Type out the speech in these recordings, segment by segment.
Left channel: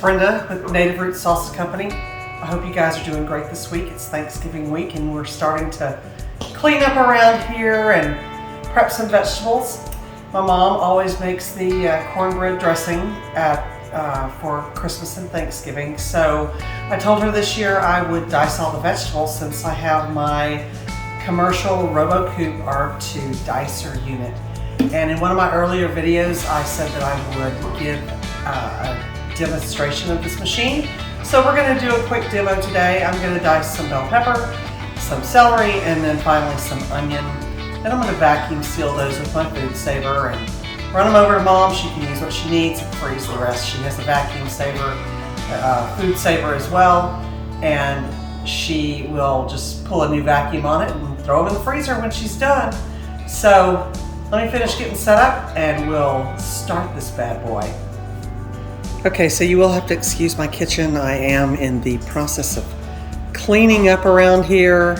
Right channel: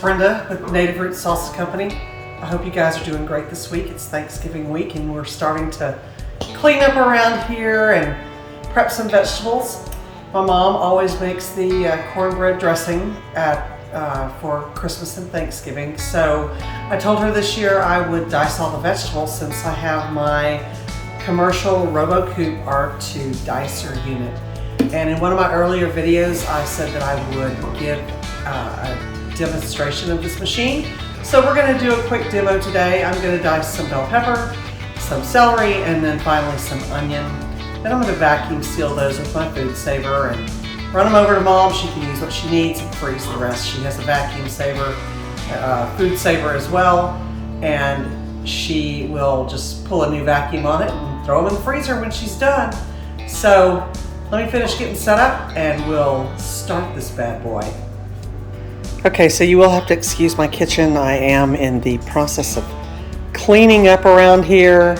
Brenda with Native Roots Salsa Company. I hope you guys are doing great this week. It's Thanksgiving week and we're starting to clean up around here and prep some vegetables. My mom always makes the cornbread dressing for Christmas and Thanksgiving. So I told her this year I would dice all the vegetables since I have my commercial Robot Coupe R2 Dicer unit. And in one of my earlier videos, I said that I would give a demonstration of this machine. So we're going to do a quick demo today. I'm going to dice some bell pepper, some celery, and then finally some onion. Then I'm going to vacuum seal those with my food saver and run them over to Mom. She can use what she needs and freeze the rest. She has a vacuum saver, food saver as well, and she will just pull a new vacuum on it and throw them in the freezer when she's done. So let me finish getting set up and we'll start this bad boy. Okay, so you will have to excuse my kitchen. I am in the process of cleaning up around here.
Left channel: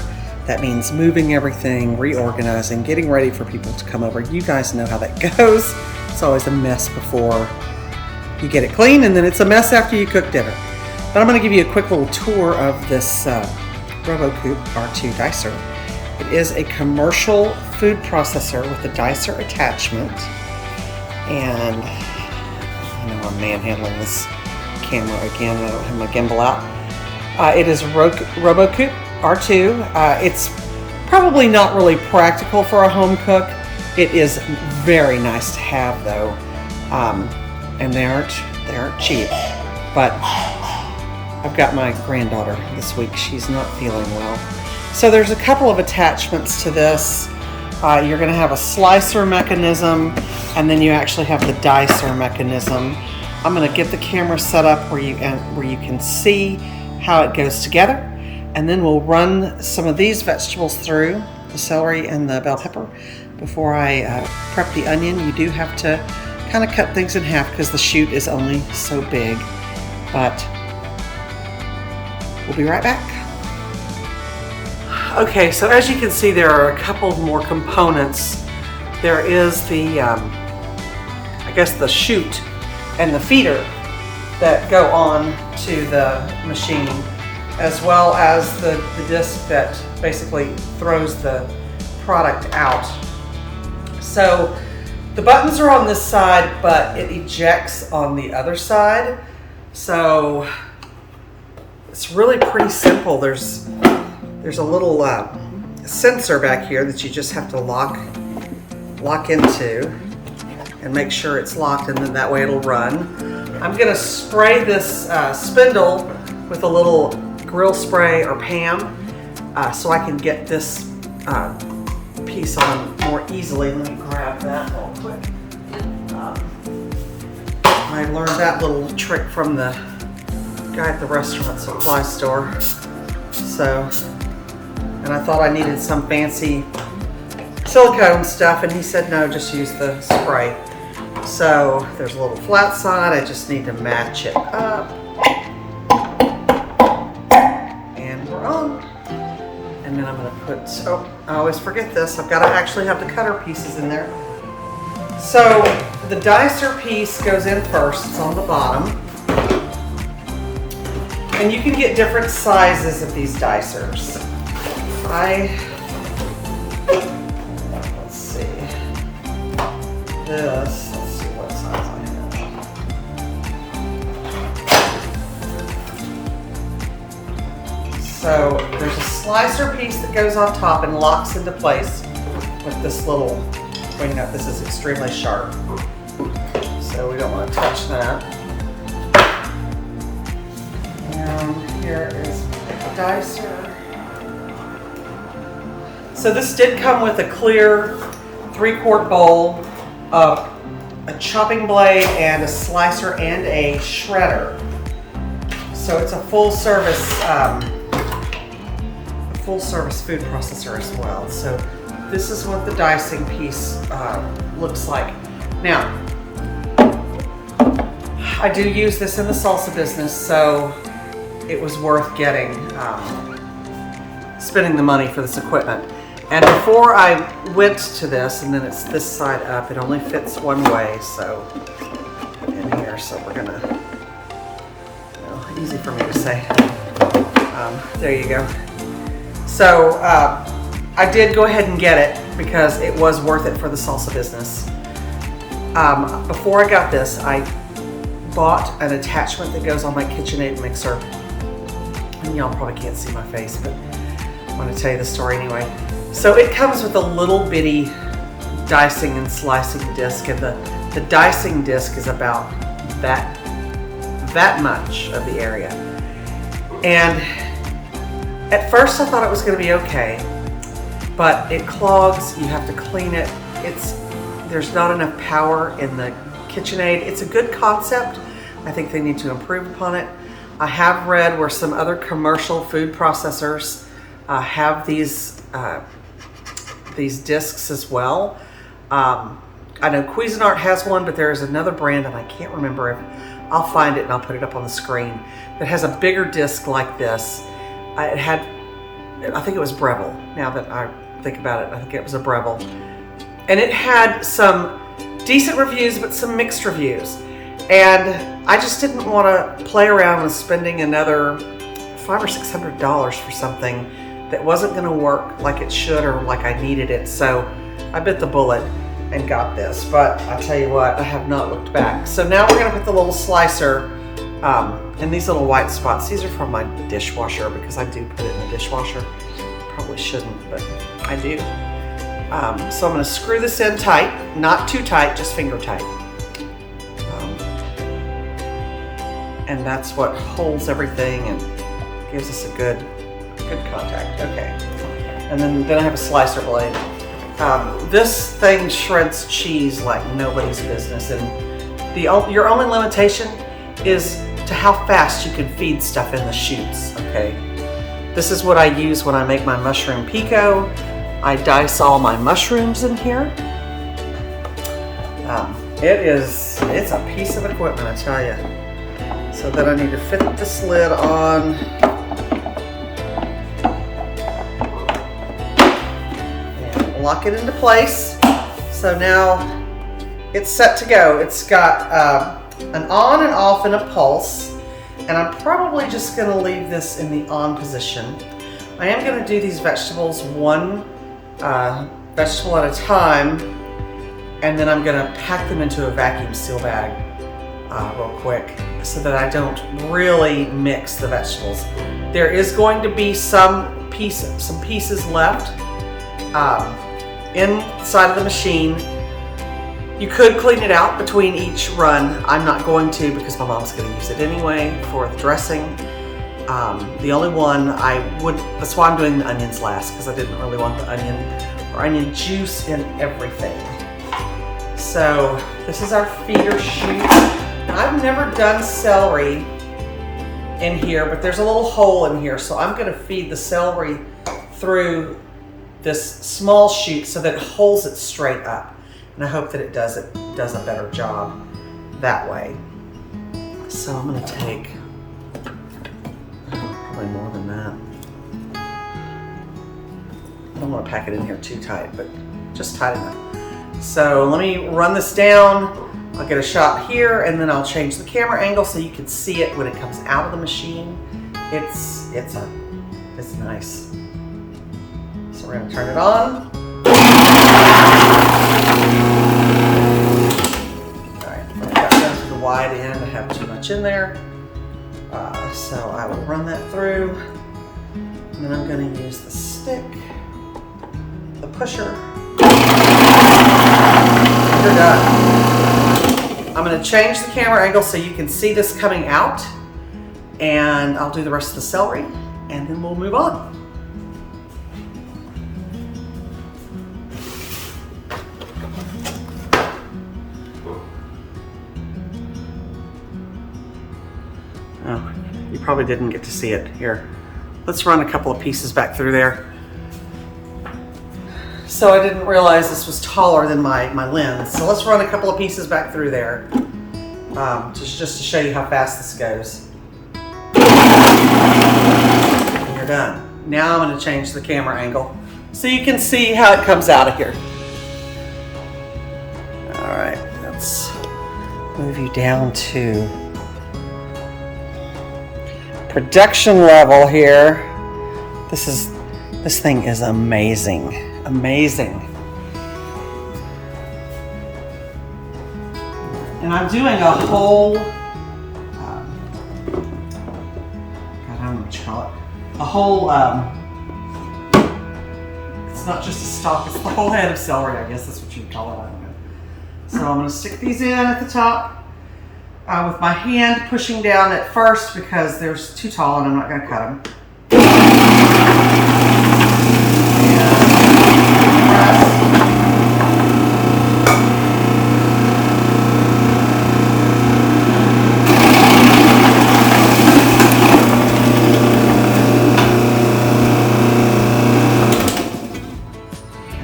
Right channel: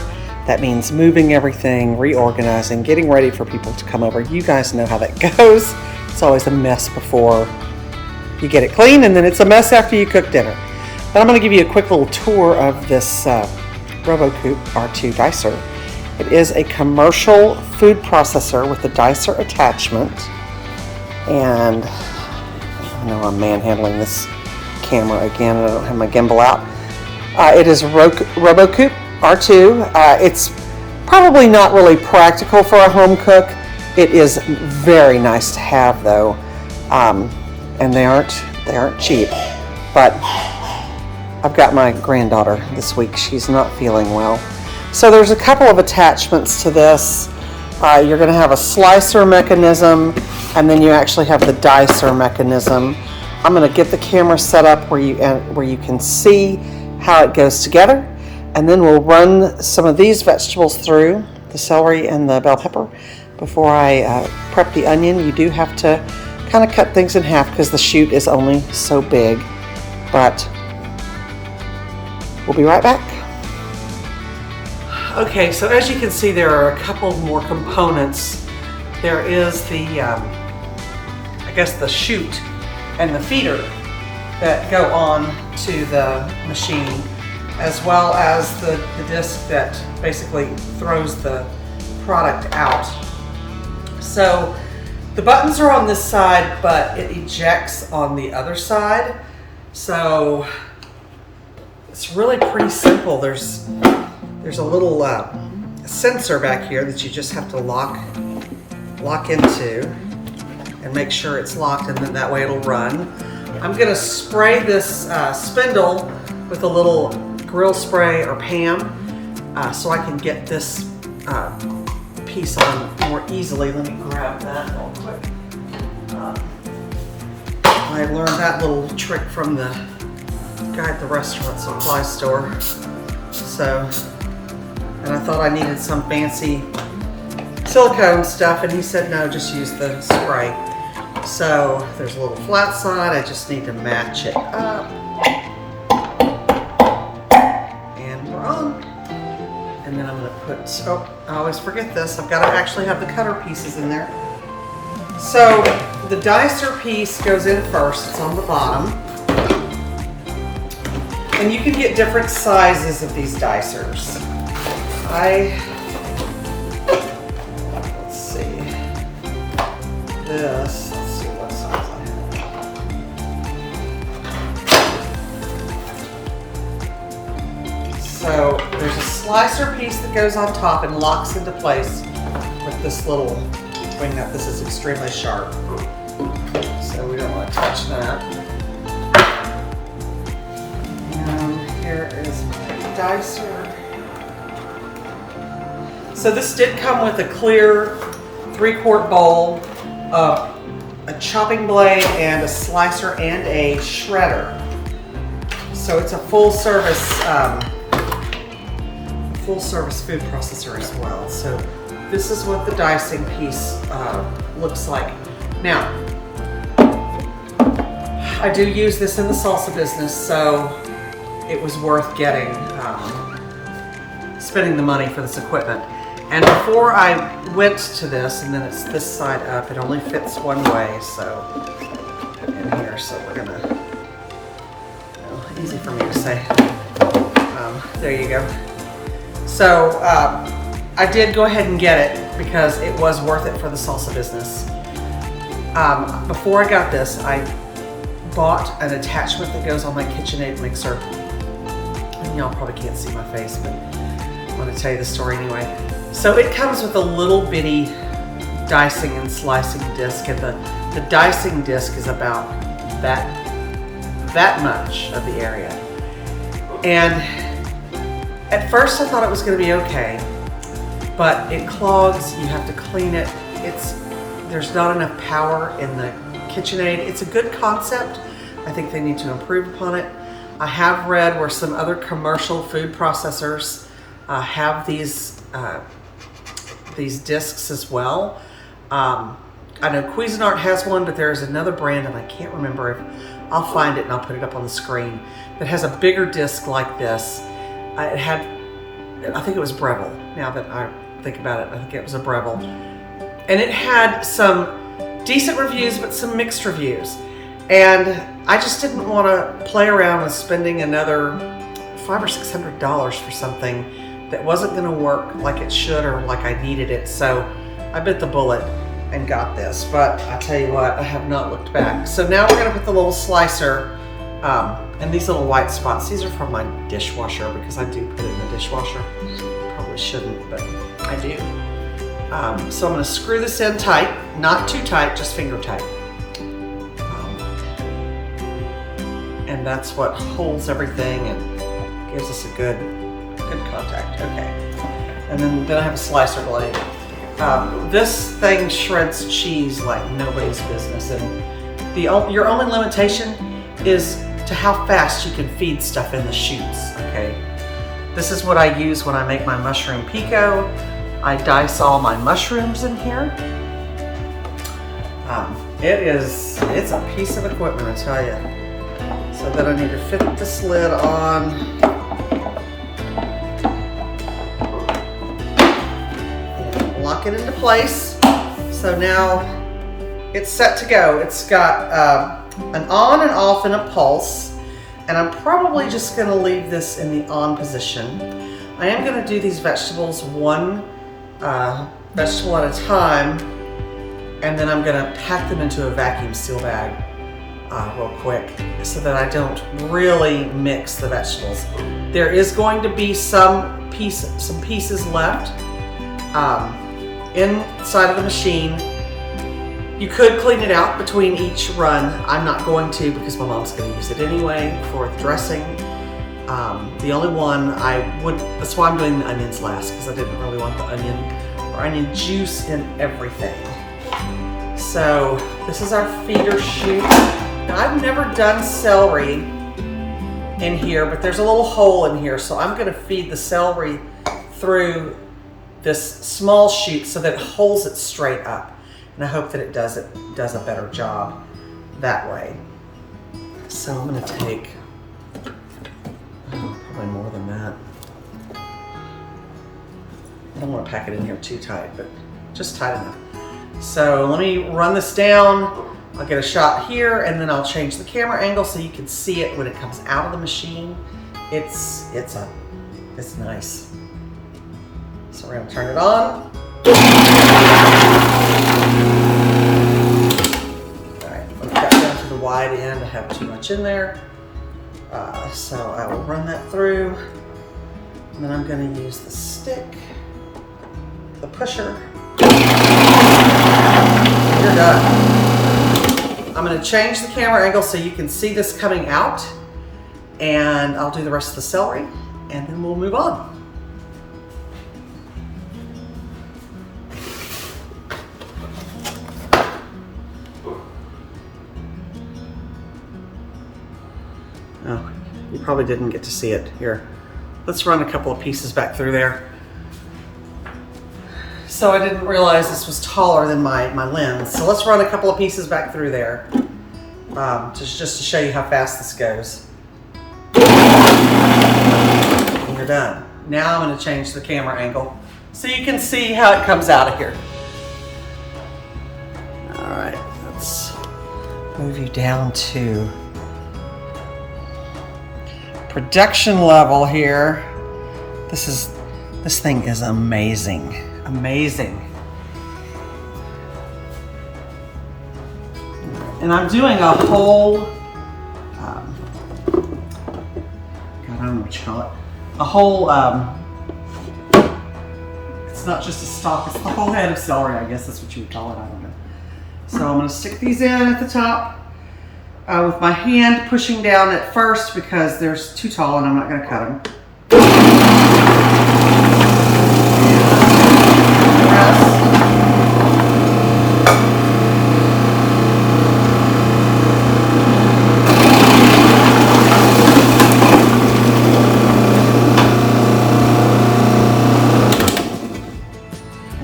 That means moving everything, reorganizing, getting ready for people to come over. You guys know how that goes. It's always a mess before you get it clean, and then it's a mess after you cook dinner. But I'm going to give you a quick little tour of this Robot Coupe R2 Dicer. It is a commercial food processor with a dicer attachment, and I know I'm manhandling this camera again. I don't have my gimbal out. It is Robot Coupe R2. It's probably not really practical for a home cook. It is very nice to have though, and they aren't cheap. But I've got my granddaughter this week. She's not feeling well. So there's a couple of attachments to this. You're going to have a slicer mechanism, and then you actually have the dicer mechanism. I'm going to get the camera set up where you can see how it goes together, and then we'll run some of these vegetables through, the celery and the bell pepper. Before I prep the onion, you do have to kind of cut things in half because the shoot is only so big. But we'll be right back. Okay, so as you can see, there are a couple more components. There is the, I guess the chute and the feeder that go on to the machine, as well as the disc that basically throws the product out. So the buttons are on this side, but it ejects on the other side. So it's really pretty simple. There's a little sensor back here that you just have to lock into and make sure it's locked, and then that way it'll run. I'm gonna spray this spindle with a little grill spray or PAM so I can get this piece on more easily. Let me grab that real quick. I learned that little trick from the guy at the restaurant supply store. So, and I thought I needed some fancy silicone stuff, and he said no, just use the spray. So there's a little flat side. I just need to match it up, and we're on. And then I'm going to put, oh, I always forget this, I've got to actually have the cutter pieces in there. So the dicer piece goes in first. It's on the bottom. And you can get different sizes of these dicers. Let's see what size I have. So there's a slicer piece that goes on top and locks into place with this little wing nut. This is extremely sharp, so we don't want to touch that. And here is my dicer. So this did come with a clear 3-quart bowl, a chopping blade, and a slicer and a shredder. So it's a full service food processor as well. So this is what the dicing piece looks like. Now, I do use this in the salsa business, so it was worth spending the money for this equipment. And before I went to this, and then it's this side up, it only fits one way, so in here, so we're gonna Easy for me to say. There you go. So I did go ahead and get it because it was worth it for the salsa business. Before I got this, I bought an attachment that goes on my KitchenAid mixer. And y'all probably can't see my face, but I'm going to tell you the story anyway. So it comes with a little bitty dicing and slicing disc, and the dicing disc is about that much of the area. And at first I thought it was going to be okay, but it clogs, you have to clean it. There's not enough power in the KitchenAid. It's a good concept. I think they need to improve upon it. I have read where some other commercial food processors have these discs as well. I know Cuisinart has one, but there's another brand, and I can't remember if I'll find it and I'll put it up on the screen, that has a bigger disc like this. I think it was Breville. Now that I think about it, I think it was a Breville. And it had some decent reviews, but some mixed reviews. And I just didn't want to play around with spending another $500 or $600 for something that wasn't going to work like it should or like I needed it. So I bit the bullet and got this. But I tell you what, I have not looked back. So now we're going to put the little slicer and these little white spots. These are from my dishwasher because I do put it in the dishwasher. Probably shouldn't, but I do. So I'm going to screw this in tight, not too tight, just finger tight. And that's what holds everything and gives us a good contact. Okay. And then I have a slicer blade. This thing shreds cheese like nobody's business, and your only limitation is to how fast you can feed stuff in the sheets. Okay. This is what I use when I make my mushroom pico. I dice all my mushrooms in here. It's a piece of equipment, I tell you. So then I need to fit the slid on. And lock it into place. So now it's set to go. It's got an on and off and a pulse. And I'm probably just gonna leave this in the on position. I am gonna do these vegetables one vegetable at a time, and then I'm gonna pack them into a vacuum seal bag real quick so that I don't really mix the vegetables. There is going to be some pieces left inside of the machine. You could clean it out between each run. I'm not going to because my mom's gonna use it anyway for the dressing. The only one that's why I'm doing the onions last, because I didn't really want the onion juice in everything. So this is our feeder chute. Now I've never done celery in here, but there's a little hole in here, so I'm gonna feed the celery through this small chute so that it holds it straight up. And I hope that it does a better job that way. So I'm gonna take probably more than that. I don't want to pack it in here too tight, but just tight enough. So let me run this down. I'll get a shot here, and then I'll change the camera angle so you can see it when it comes out of the machine. It's nice. So we're gonna turn it on. All right, I've got down to the wide end. I have too much in there. So I will run that through, and then I'm going to use the stick, the pusher. You're done. I'm going to change the camera angle so you can see this coming out, and I'll do the rest of the celery, and then we'll move on. Oh, you probably didn't get to see it. Here, let's run a couple of pieces back through there. So I didn't realize this was taller than my lens. So let's run a couple of pieces back through there just to show you how fast this goes. And you're done. Now I'm going to change the camera angle so you can see how it comes out of here. All right, let's move you down to production level here. This thing is amazing. Amazing. And I'm doing a whole, God, I don't know what you call it. A whole, it's not just a stalk, it's the whole head of celery, I guess that's what you would call it, I don't know. So I'm gonna stick these in at the top with my hand pushing down at first because they're too tall and I'm not gonna cut them.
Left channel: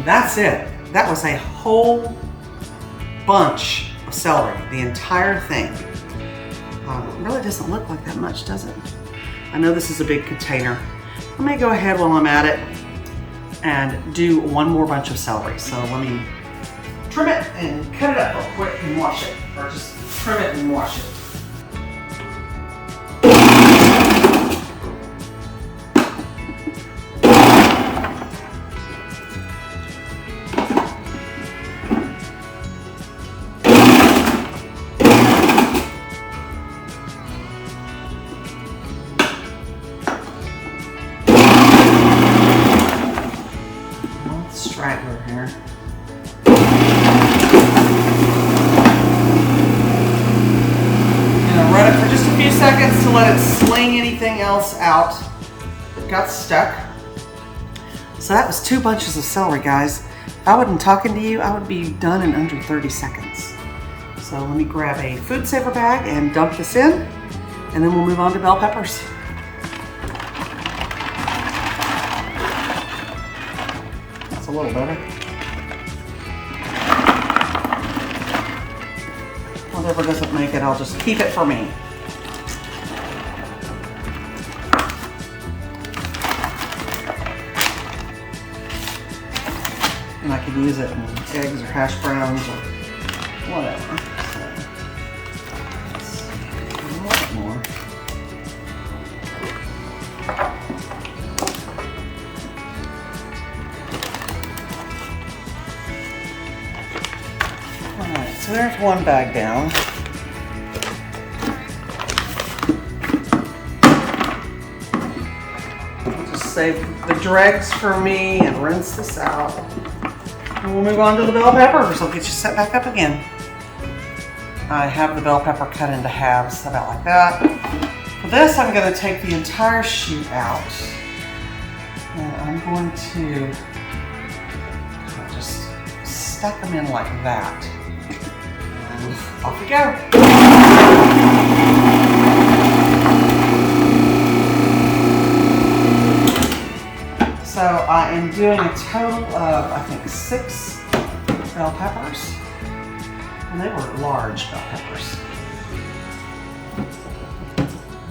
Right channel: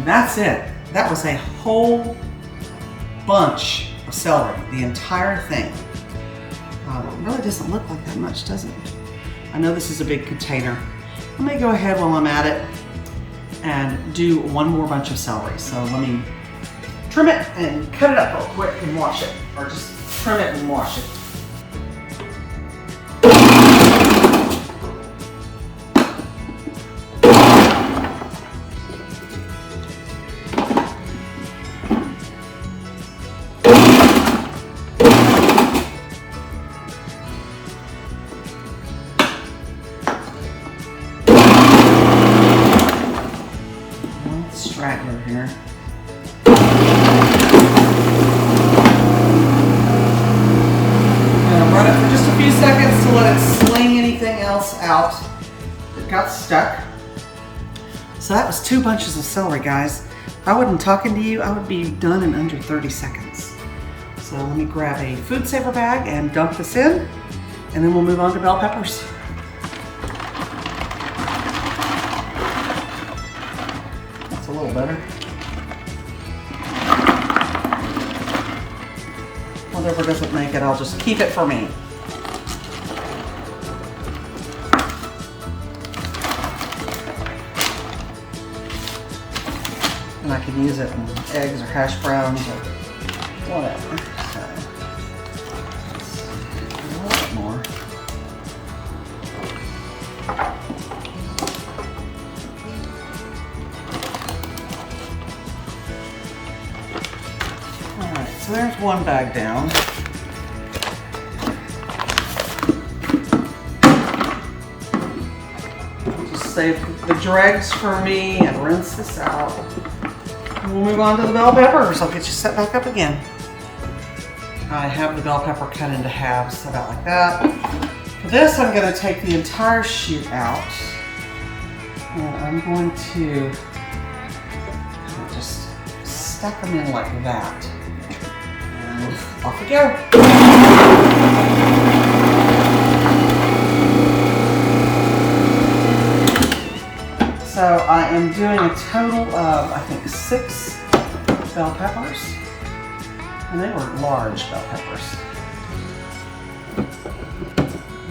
That's it. That was a whole bunch of celery, the entire thing. It really doesn't look like that much, does it? I know this is a big container. I may go ahead while I'm at it and do one more bunch of celery. So let me trim it and cut it up real quick and wash it, or just trim it and wash it. Straggler here. I'm going to run it for just a few seconds to let it sling anything else out. It got stuck. So that was 2 bunches of celery, guys. If I wasn't talking to you, I would be done in under 30 seconds. So let me grab a food saver bag and dump this in, and then we'll move on to bell peppers. A little better. Whatever doesn't make it, I'll just keep it for me. And I can use it in eggs or hash browns or whatever. So, a little bit more. So there's one bag down. I'll just save the dregs for me and rinse this out. And we'll move on to the bell peppers. I'll get you set back up again. I have the bell pepper cut into halves, about like that. For this, I'm going to take the entire shoot out. And I'm going to just stuff them in like that. Off we go. So I am doing a total of, I think, 6 bell peppers. And they were large bell peppers.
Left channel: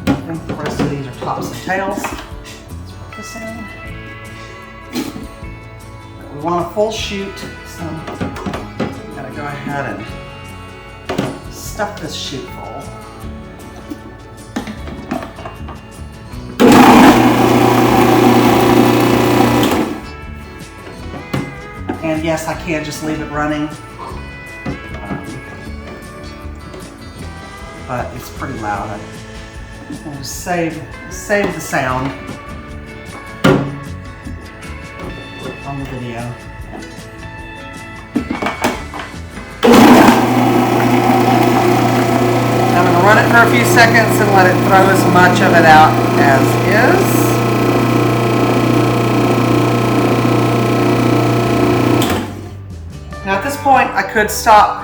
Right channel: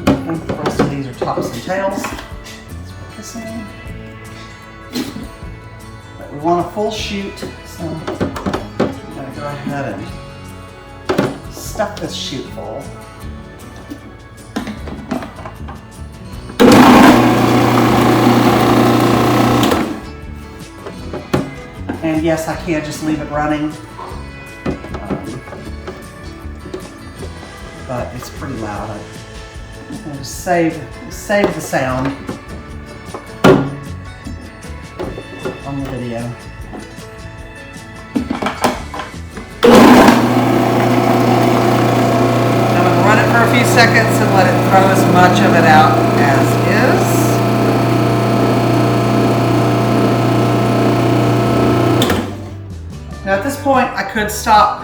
I think the rest of these are tops and tails. Put this in. But we want a full shoot, so I'm going to go ahead and stuff this chute full. And yes, I can just leave it running, but it's pretty loud. I'm going to save the sound on the video. Run it for a few seconds and let it throw as much of it out as is. Now at this point, I could stop,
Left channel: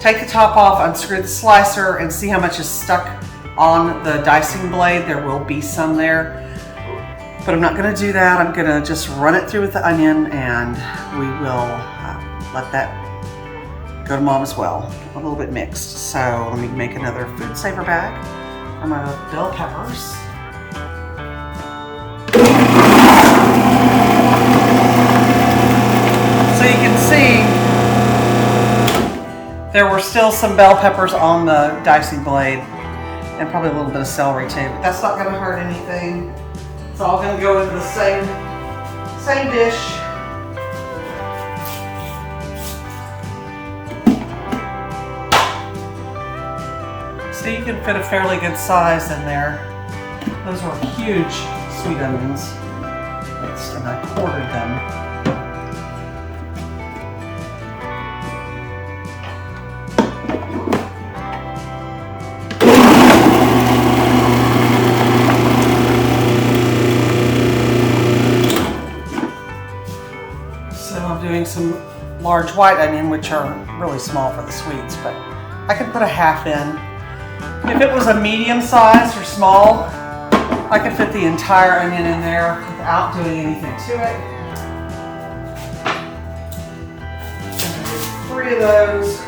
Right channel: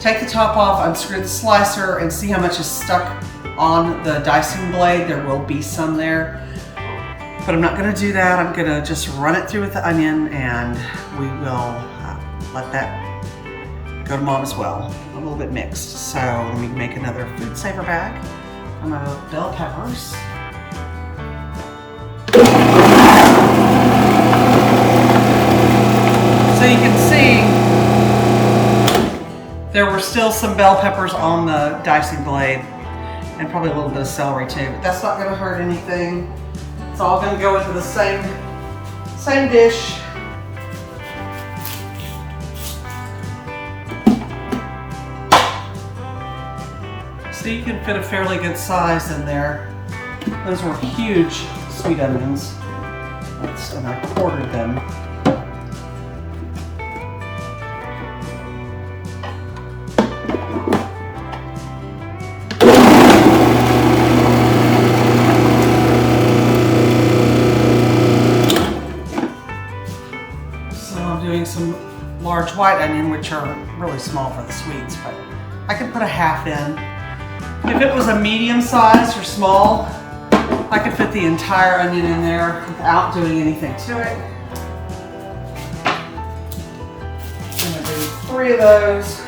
take the top off, unscrew the slicer, and see how much is stuck on the dicing blade. There will be some there, but I'm not going to do that. I'm going to just run it through with the onion, and we will let that go to Mom as well. A little bit mixed. So let me make another food saver bag for my bell peppers. So you can see there were still some bell peppers on the dicing blade, and probably a little bit of celery too. But that's not gonna hurt anything. It's all gonna go into the same dish. So you can fit a fairly good size in there. Those were huge sweet onions, and I quartered them. So I'm doing some large white onion, which are really small for the sweets, but I could put a half in. If it was a medium size or small, I could fit the entire onion in there without doing anything to it. I'm going to do 3 of those.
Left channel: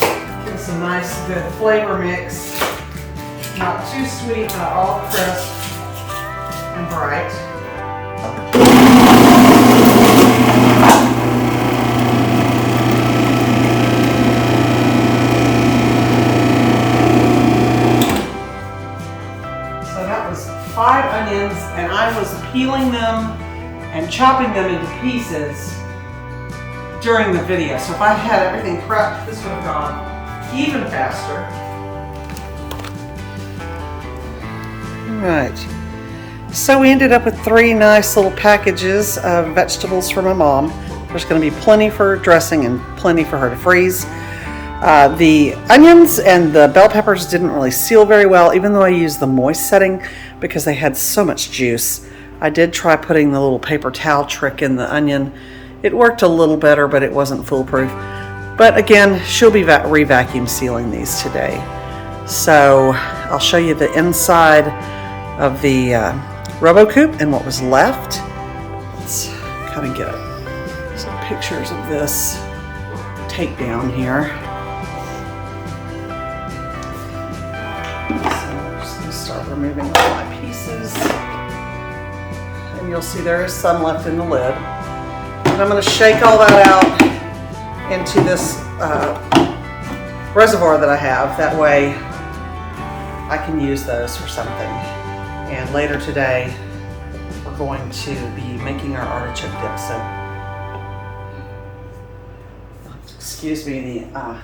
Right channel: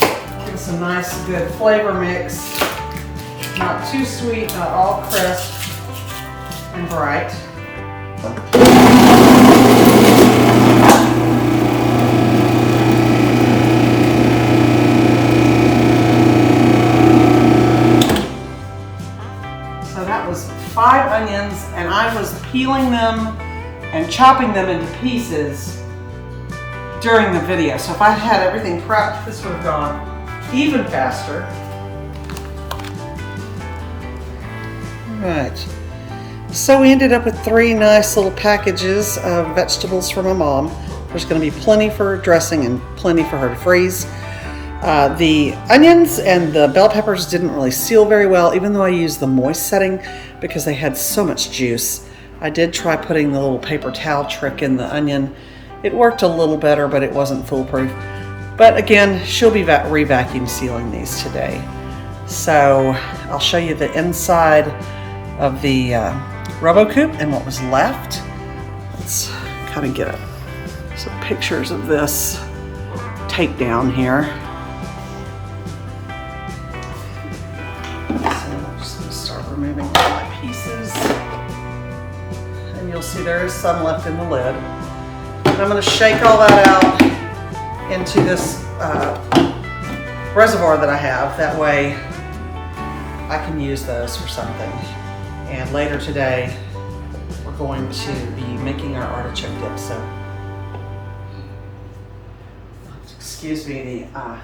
Give us a nice, good flavor mix. Not too sweet, not all crisp and bright. So that was 5 onions, and I was peeling them and chopping them into pieces during the video. So if I had everything prepped, this would have gone even faster. All right. So we ended up with 3 nice little packages of vegetables for my mom. There's going to be plenty for dressing and plenty for her to freeze. The onions and the bell peppers didn't really seal very well, even though I used the moist setting because they had so much juice. I did try putting the little paper towel trick in the onion. It worked a little better, but it wasn't foolproof. But again, she'll be re-vacuum sealing these today. So I'll show you the inside of the Robot Coupe and what was left. Let's kind of get some pictures of this takedown here. Start removing all my pieces, and you'll see there is some left in the lid. And I'm going to shake all that out into this reservoir that I have. That way I can use those for something. And later today we're going to be making our artichoke dip. So excuse me, the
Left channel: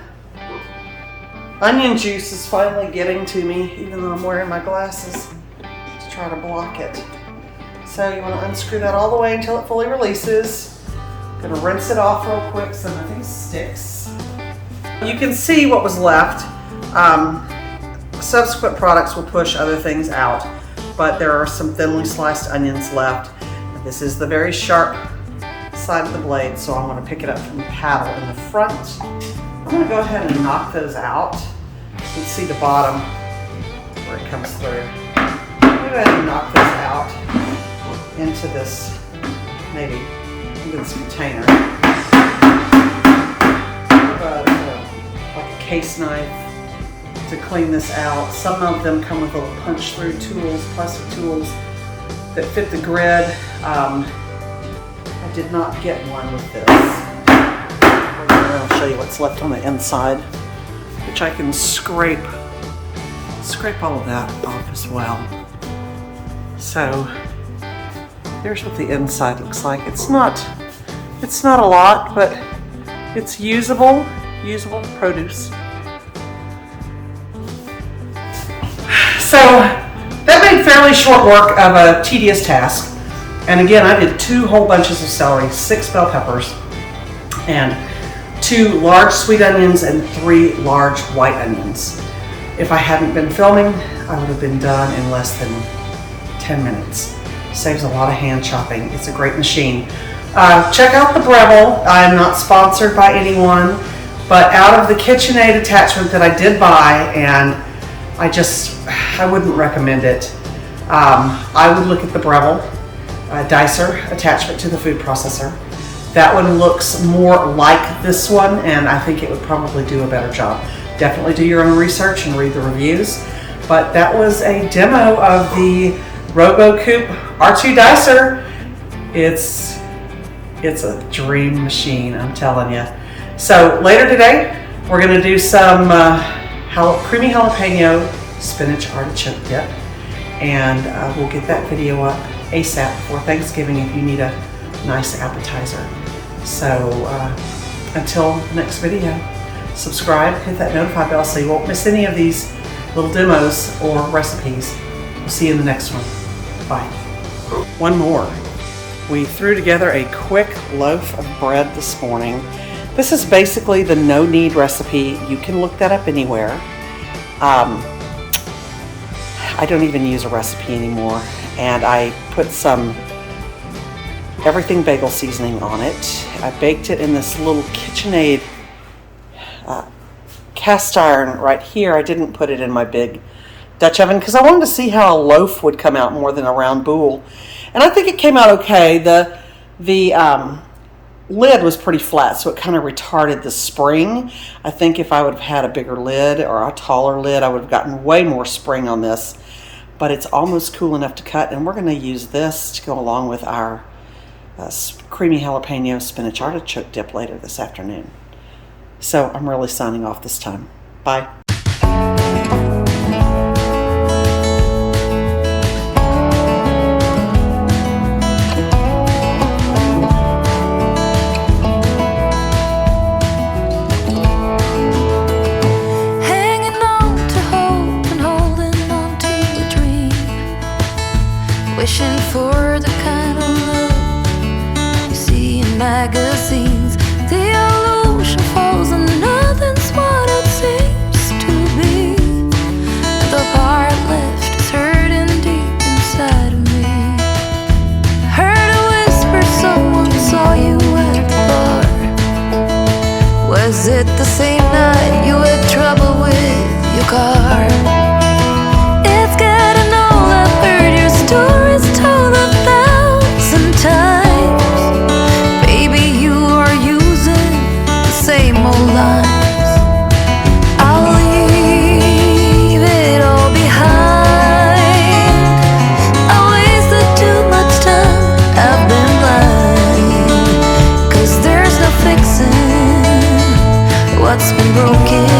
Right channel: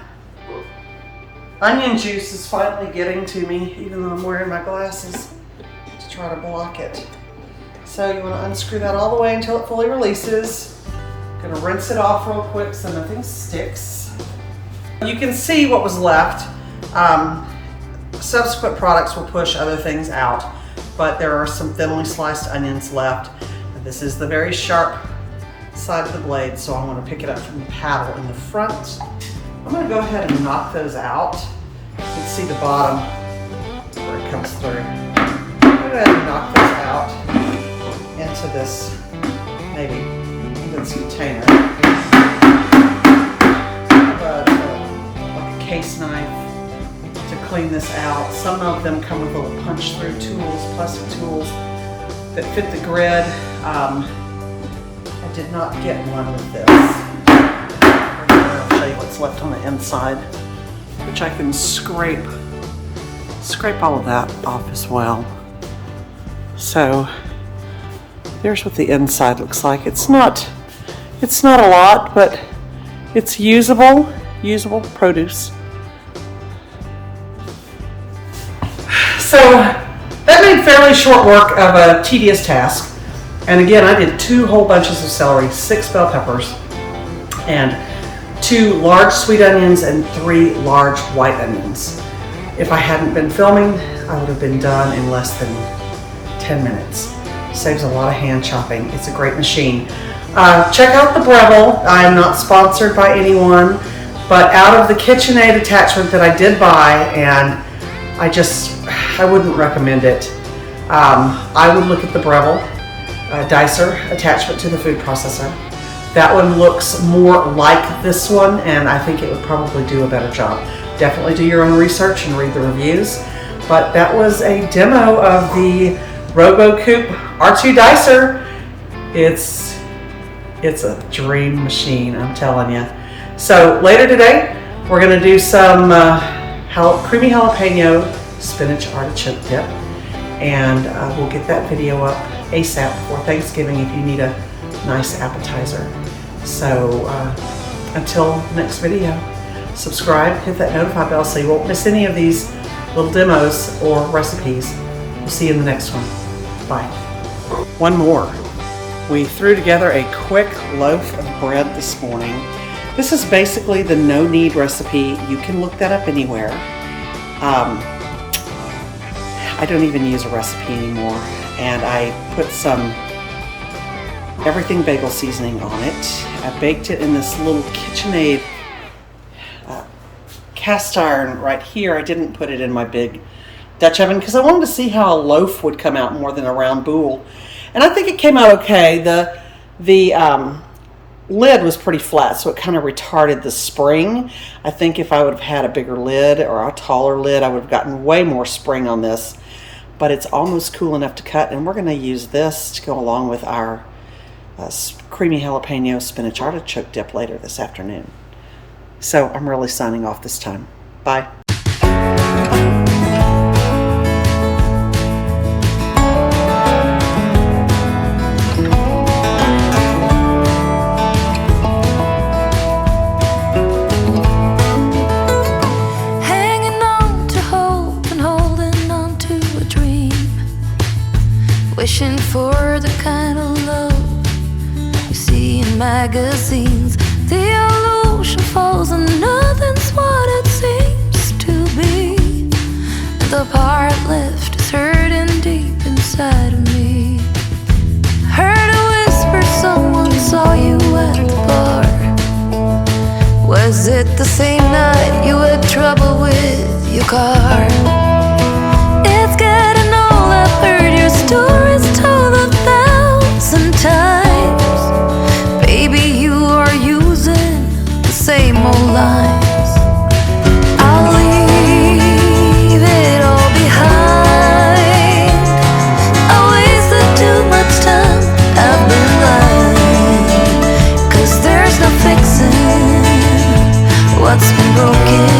onion juice is finally getting to me, even though I'm wearing my glasses to try to block it. So you want to unscrew that all the way until it fully releases. Gonna rinse it off real quick so nothing sticks. You can see what was left. Subsequent products will push other things out, but there are some thinly sliced onions left. This is the very sharp side of the blade, so I'm going to pick it up from the paddle in the front. I'm going to go ahead and knock those out. You can see the bottom where it comes through. I'm going to go ahead and knock those out into this, maybe into this container. Like a case knife to clean this out. Some of them come with little punch-through tools, plastic tools that fit the grid. I did not get one with this. I'll show you what's left on the inside, which I can scrape all of that off as well. So there's what the inside looks like. It's not a lot, but it's usable produce. So that made fairly short work of a tedious task. And again, I did 2 whole bunches of celery, 6 bell peppers, and 2 large sweet onions and 3 large white onions. If I hadn't been filming, I would have been done in less than 10 minutes. Saves a lot of hand chopping. It's a great machine. Check out the Breville. I'm not sponsored by anyone, but out of the KitchenAid attachment that I did buy, and I wouldn't recommend it. I would look at the Breville Dicer attachment to the food processor. That one looks more like this one, and I think it would probably do a better job. Definitely do your own research and read the reviews. But that was a demo of the Robot Coupe R2 Dicer. It's a dream machine, I'm telling you. So later today, we're gonna do some creamy jalapeno spinach artichoke dip. And we'll get that video up ASAP before Thanksgiving if you need a nice appetizer. So until the next video, subscribe, hit that notify bell so you won't miss any of these little demos or recipes. We'll see you in the next one. Bye. One more. We threw together a quick loaf of bread this morning. This is basically the no-knead recipe. You can look that up anywhere. I don't even use a recipe anymore. And I put some everything bagel seasoning on it. I baked it in this little KitchenAid cast iron right here. I didn't put it in my big Dutch oven because I wanted to see how a loaf would come out more than a round boule. And I think it came out okay. The lid was pretty flat, so it kind of retarded the spring. I think if I would have had a bigger lid or a taller lid, I would have gotten way more spring on this. But it's almost cool enough to cut, and we're going to use this to go along with our creamy jalapeno spinach artichoke dip later this afternoon. So I'm really signing off this time. Bye. Wishing for the kind of love you see in magazines. The illusion falls and nothing's what it seems to be. The part left is hurting deep inside of me. Heard a whisper, someone saw you at the bar. Was it the same night you had trouble with your car? It's getting old, I've heard your stories told 1,000 times. Baby, you are using the same old lines. I'll leave it all behind. I wasted too much time, I've been blind. 'Cause there's no fixing what's been broken.